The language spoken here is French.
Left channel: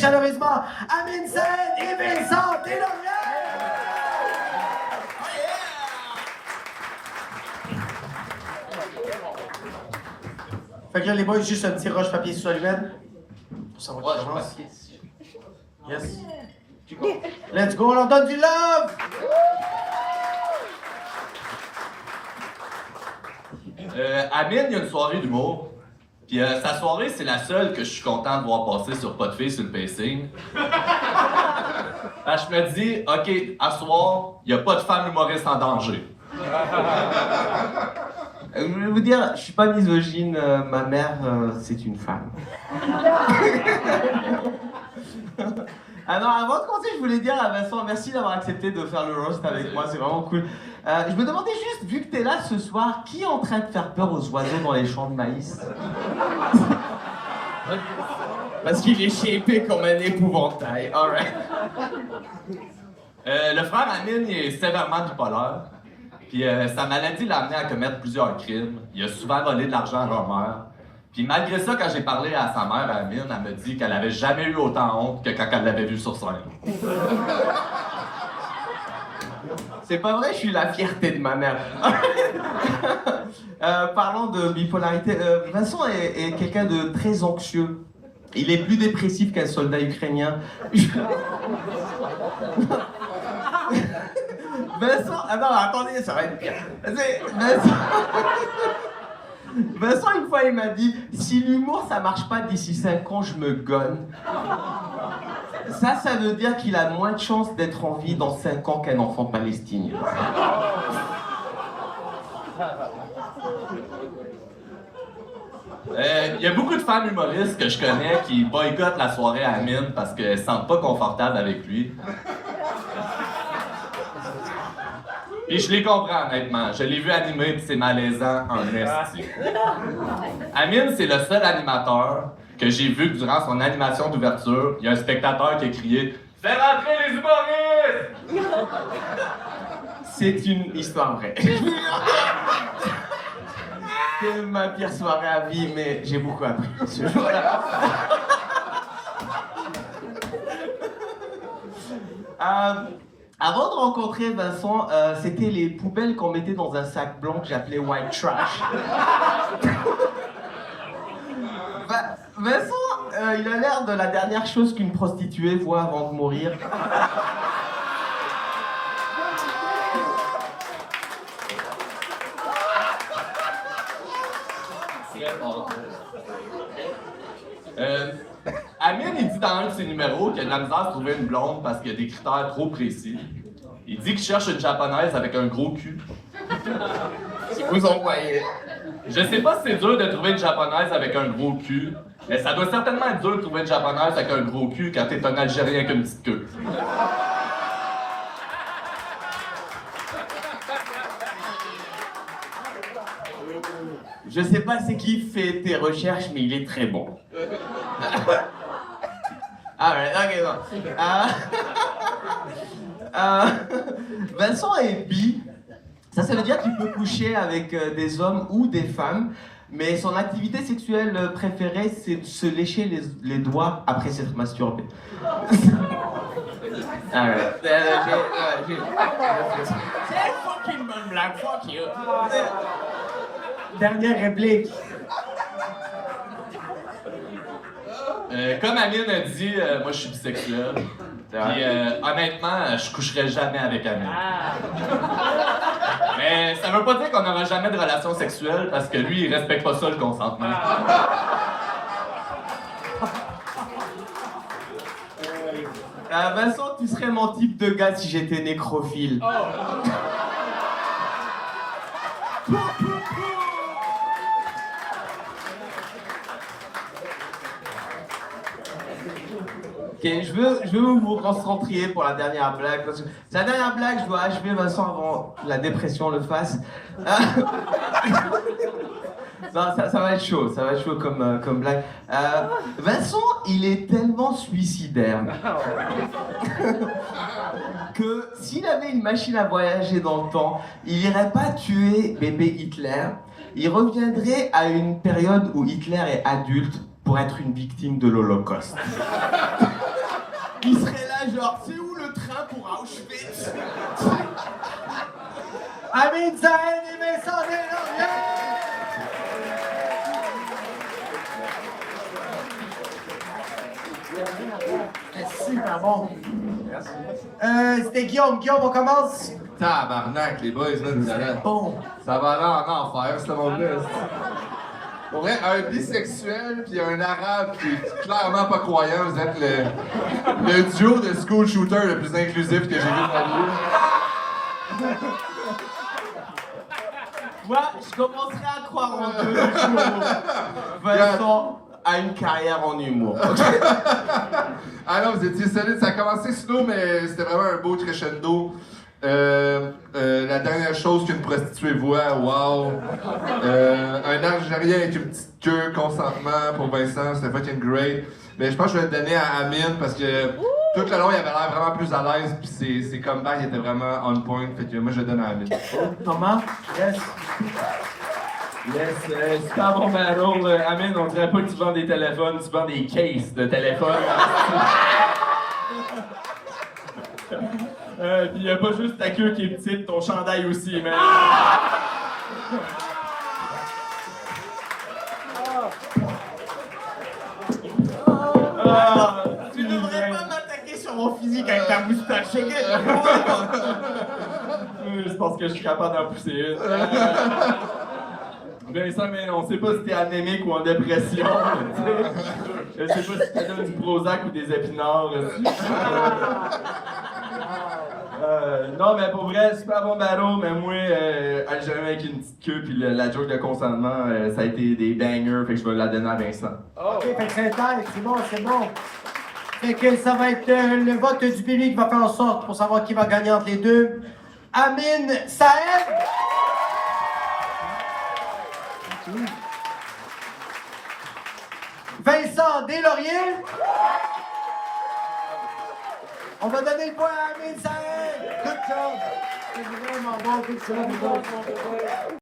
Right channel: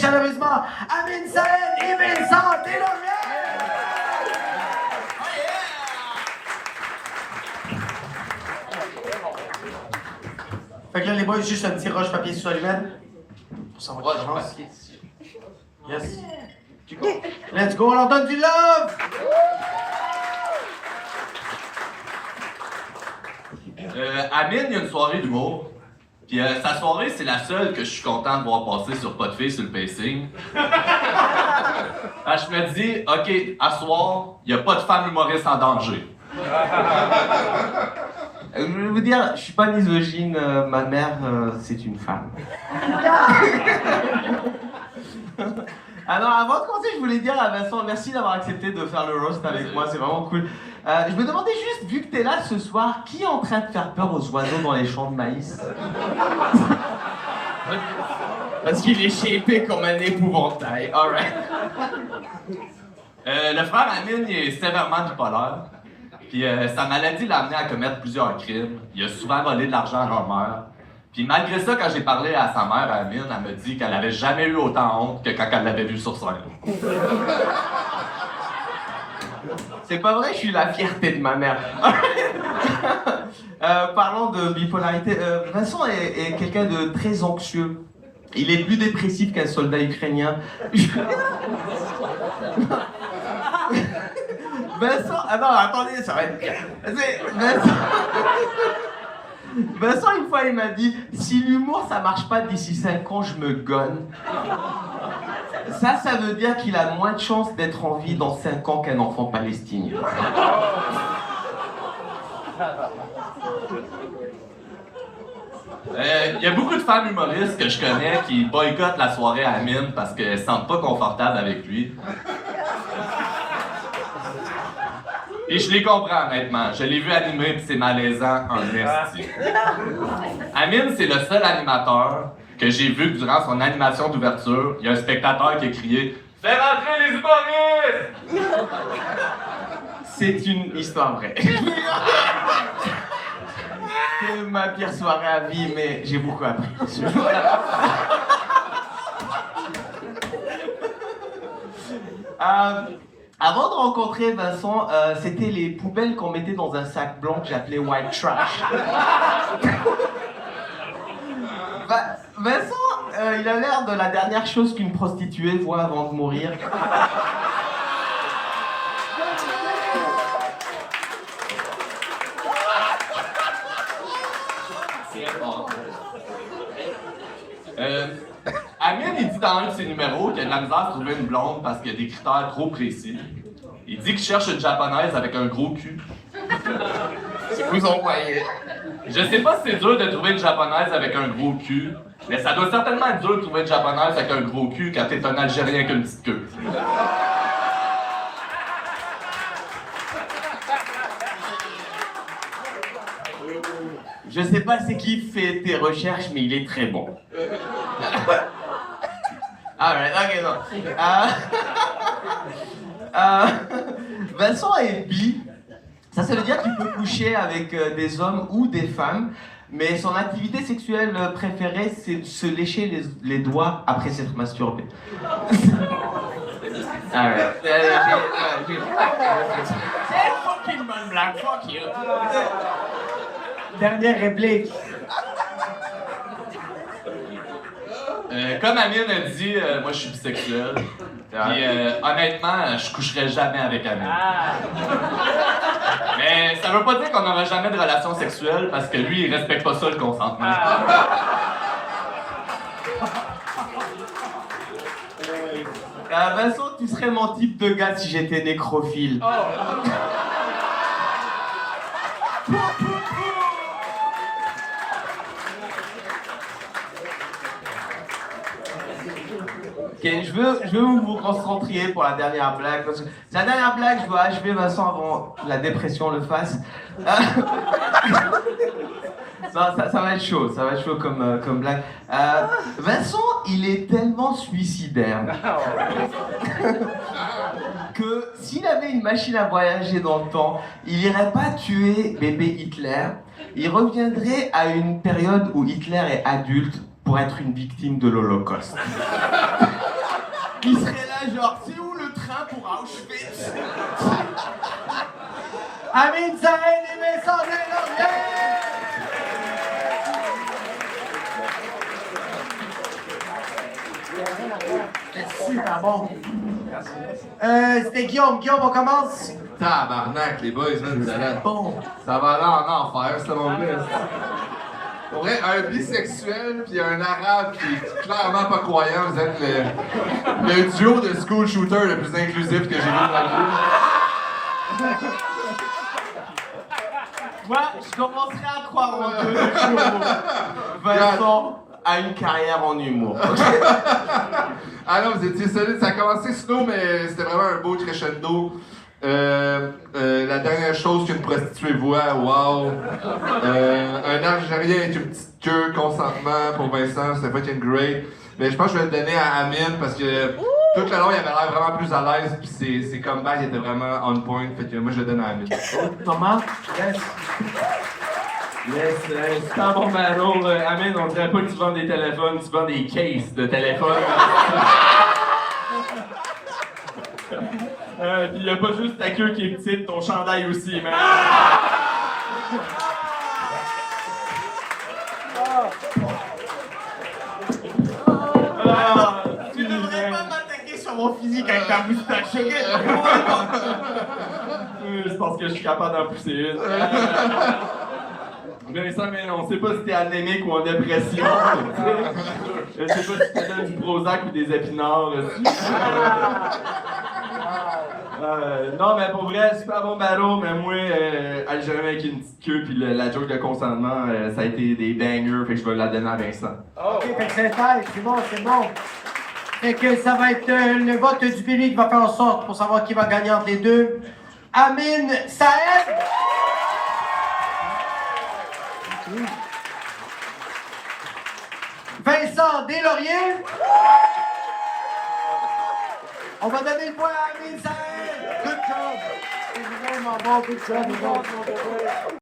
chaleureusement Amine Saed et Vincent Deslauriers! Fait que là, les boys, juste un petit roche, papier, sur allumette. Pour savoir Roche, qui commence. papier. Yes. Let's go, on leur donne du love! Amine, il y a une soirée d'humour. Puis sa soirée, c'est la seule que je suis content de voir passer sur Pas de filles sur le pacing. Je me dis, OK, à soir, il n'y a pas de femme humoriste en danger. Je vais vous dire, je suis pas misogyne, ma mère, c'est une femme. Alors, avant de commencer, je voulais dire à Vincent, merci d'avoir accepté de faire le roast avec moi, c'est vraiment cool. Je me demandais juste, vu que t'es là ce soir, qui est en train de faire peur aux oiseaux dans les champs de maïs? Parce qu'il est shapé comme un épouvantail, alright. Le frère Amine il est sévèrement bipolaire. Puis sa maladie l'a amené à commettre plusieurs crimes. Il a souvent volé de l'argent à leur mère. Puis malgré ça, quand j'ai parlé à sa mère, Amine, elle me dit qu'elle avait jamais eu autant honte que quand elle l'avait vu sur scène. C'est pas vrai, je suis la fierté de ma mère. Parlant de bipolarité, Vincent est quelqu'un de très anxieux. Il est plus dépressif qu'un soldat ukrainien. Vincent, ah non, attendez, ça va être pire. Vincent, une fois, il m'a dit, si l'humour ça marche pas d'ici 5 ans, je me gonne. Ça veut dire qu'il a moins de chances d'être en vie dans 5 ans qu'un enfant palestinien. Il y a beaucoup de femmes humoristes que je connais qui boycottent la soirée à Amine parce qu'elles se sentent pas confortables avec lui. Et je les comprends, honnêtement. Je l'ai vu animer puis c'est malaisant en esti. Amine, c'est le seul animateur que j'ai vu que durant son animation d'ouverture, il y a un spectateur qui a crié « Fais rentrer les humoristes! » C'est une histoire vraie. C'est ma pire soirée à vie, mais j'ai beaucoup appris. Avant de rencontrer Vincent, c'était les poubelles qu'on mettait dans un sac blanc que j'appelais white trash. Vincent, il a l'air de la dernière chose qu'une prostituée voit avant de mourir. Amine, il dit dans un de ses numéros qu'il a de la misère à trouver une blonde parce qu'il y a des critères trop précis. Il dit qu'il cherche une japonaise avec un gros cul. Vous en voyez. Je sais pas si c'est dur de trouver une japonaise avec un gros cul, mais ça doit certainement être dur de trouver une japonaise avec un gros cul quand t'es un Algérien avec une petite queue. Je sais pas c'est qui fait tes recherches, mais il est très bon. Ah ouais, ok, bon. Vincent est bi. Ça veut dire qu'il peut coucher avec des hommes ou des femmes, mais son activité sexuelle préférée, c'est de se lécher les doigts après s'être masturbé. Ah ouais. C'est fucking bonne blague, fuck you. Dernière réplique. Comme Amine a dit, moi je suis bisexuel. Puis honnêtement, je coucherai jamais avec Amine. Mais ça veut pas dire qu'on n'aura jamais de relation sexuelle parce que lui, il respecte pas ça le consentement. Vincent, tu serais mon type de gars si j'étais nécrophile. Ok, je veux que vous vous concentriez pour la dernière blague, parce que c'est la dernière blague, je dois achever Vincent avant la dépression le fasse. Non, ça va être chaud comme blague. Vincent, il est tellement suicidaire que s'il avait une machine à voyager dans le temps, il irait pas tuer bébé Hitler, il reviendrait à une période où Hitler est adulte pour être une victime de l'Holocauste. Amine Saïd et Vincent Deslauriers! C'est super bon. C'était Guillaume. Guillaume, on commence? Tabarnak, les boys, là, vous allez. Bon. Ça va aller en enfer, ce monde-là. Pour vrai, un bisexuel puis un arabe qui est clairement pas croyant, vous êtes le duo de school shooter le plus inclusif que j'ai vu de ma vie. Moi, je commencerai à croire en Dieu le jour où Vincent a une carrière en humour. Ah non, vous étiez solide. Ça a commencé slow, mais c'était vraiment un beau crescendo. La dernière chose qu'une prostituée voit, wow. Un Algérien avec une petite queue, consentement pour Vincent, c'était fucking great. Mais je pense que je vais le donner à Amine parce que tout le long il avait l'air vraiment plus à l'aise, puis ses comebacks étaient vraiment on point. Fait que moi je le donne à Amine. Maman? Yes. Yes, super bon battle. Amine, on dirait pas que tu vends des téléphones, tu vends des cases de téléphones. Pis y a pas juste ta queue qui est petite, ton chandail aussi, mais. Tu devrais pas m'attaquer sur mon physique avec ta moustache. Je pense que je suis capable d'en pousser une. Vincent, mais on sait pas si t'es anémique ou en dépression. Je sais pas si t'as donné du Prozac ou des épinards. Non, mais pour vrai, super bon battle, mais moi, Algérien avec une petite queue, puis la joke de consentement, ça a été des bangers, fait que je vais la donner à Vincent. Ok, fait que c'est bon, c'est bon. Fait que ça va être le vote du public qui va faire en sorte pour savoir qui va gagner entre les deux. Amine Saïd! Vincent Deslauriers! On va donner le point à Amine Saïd! Good job! C'est vraiment bon, good job.